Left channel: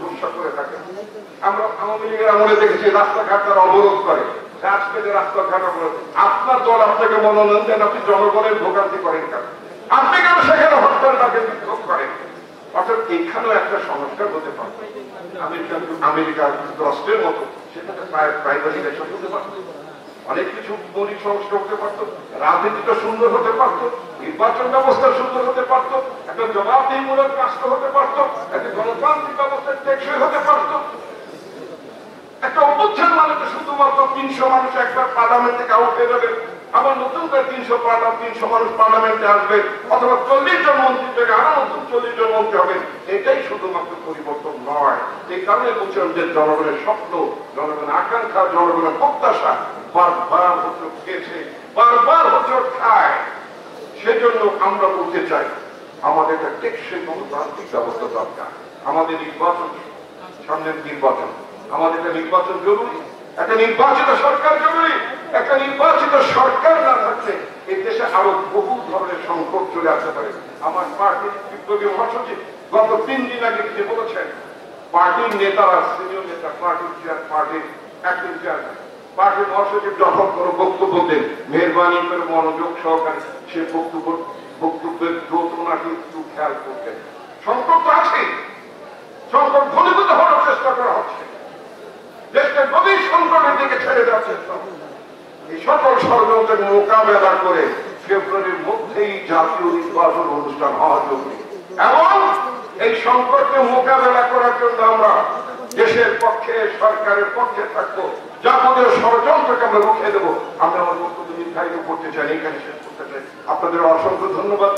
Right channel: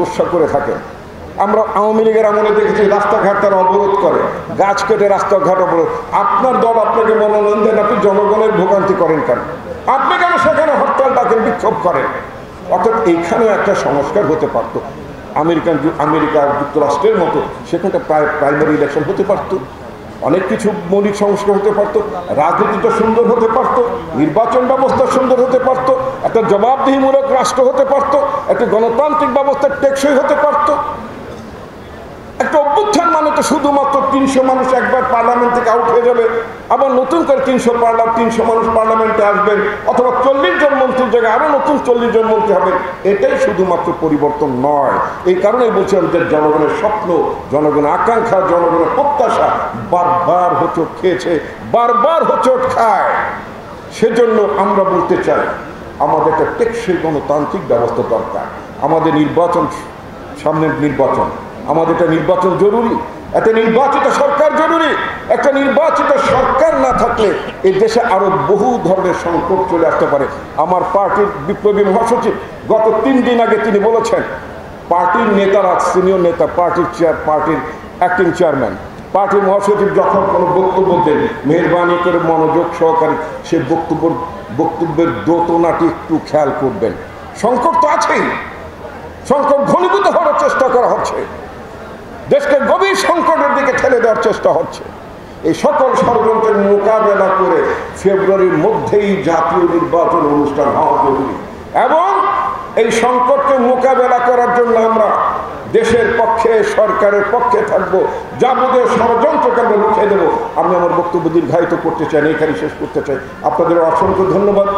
গুসা করে থাকে। আমরা আওয়ামী লীগের আমলে দেখেছি রাস্তাঘাট তারা অবরোধ করে, গাছ কেটে রাস্তাঘাট অবরোধ। আপনার দল আপনাকে বললেন যে আপনি জনগণের ভোগান্তি করেন কেন, আপনি কেন সেখানে হরতাল ডাকেন, বিক্ষোভ করেন? অর্থাৎ এইখানেও একটা সংস্কার হতে পারত। আমেরিকা যুক্তরাষ্ট্রের মতো সেখানটা প্রাইমারি ইলেকশন হতে পারত, অনেক কিছু মৌলিক সংস্কার হতে পারত, রাজনীতিটা সুন্দর হতে পারত, নির্বাচন ব্যবস্থা সুন্দর হতে পারত, একটা জবাবদিহিমূলক রাষ্ট্র হতে পারত, একটা গণতান্ত্রিক ব্যবস্থা টেকসই হতে পারত। একটা অভ্যুত্থান মানে তো শুধুমাত্র 300 মানুষ একবার পার্লামেন্ট থেকে আউট হয়ে যাবে, আবার নতুন করে 300 মানুষ পার্লামেন্টে আসবে, অথবা 40 জন মন্ত্রীর জায়গায় আরো নতুন 40 জন মন্ত্রী হবে। এটাই শুধুমাত্র পরিবর্তন নয়। এই কারণে বলছিলাম যে জনগণের স্বপ্ন, জনগণের আকাঙ্ক্ষা, জনগণের প্রত্যাশা বারবার হোঁচট খেয়েছে, বারবার হোঁচট খায়। সেজন্য আমরা বলতে চাই আমাদের একটা টেকসই গণতান্ত্রিক ব্যবস্থা দরকার। আমাদের নির্বাচন, সামনের নির্বাচন, আমাদের একটা নির্বাচন জরুরি, একটা নির্বাচিত সরকার জরুরি। একটা নির্বাচিত সরকার না থাকলে এই দেশে আরো বহু ধরনের সংকট চলে আসতে পারে। আমার পার্টির বিপ্লবী মহাসচিব গত 3 দিন আগে তিনি বলেছেন, পার্টির নেতারা, সিনিয়র নেতা, পার্টির অ্যাক্টিং চেয়ারম্যান, পার্টির মহাসচিব যখন কোনো বক্তব্য দেন, মেহরবানি করে মনোযোগ সহকারে সে বক্তব্যের দোতনাটি একটু খেয়াল করবেন। সংকট তো আছেই, সংকট ঘনীভূত হওয়ার চেষ্টা করা হচ্ছে, দেশকে গভীর সংকটের দিকে ঠেলে দেওয়ার চেষ্টা হচ্ছে। এই সকল ষড়যন্ত্রের মোকাবেলা করে ফেব্রুয়ারির মধ্যেই জাতীয় নির্বাচন অনুষ্ঠান হওয়া জরুরি। এবং এই সংকটকে মোকাবেলা করার জন্য আমরা দেশের পক্ষে, সরকারের পক্ষে থাকবো, যাবতীয় ষড়যন্ত্রকে আমরা রুখে দেবো। আমি আমার বক্তব্য দীর্ঘায়িত করতে চাই, এখানে শেষ করতে চাই। আপনাদের অসংখ্য ধন্যবাদ।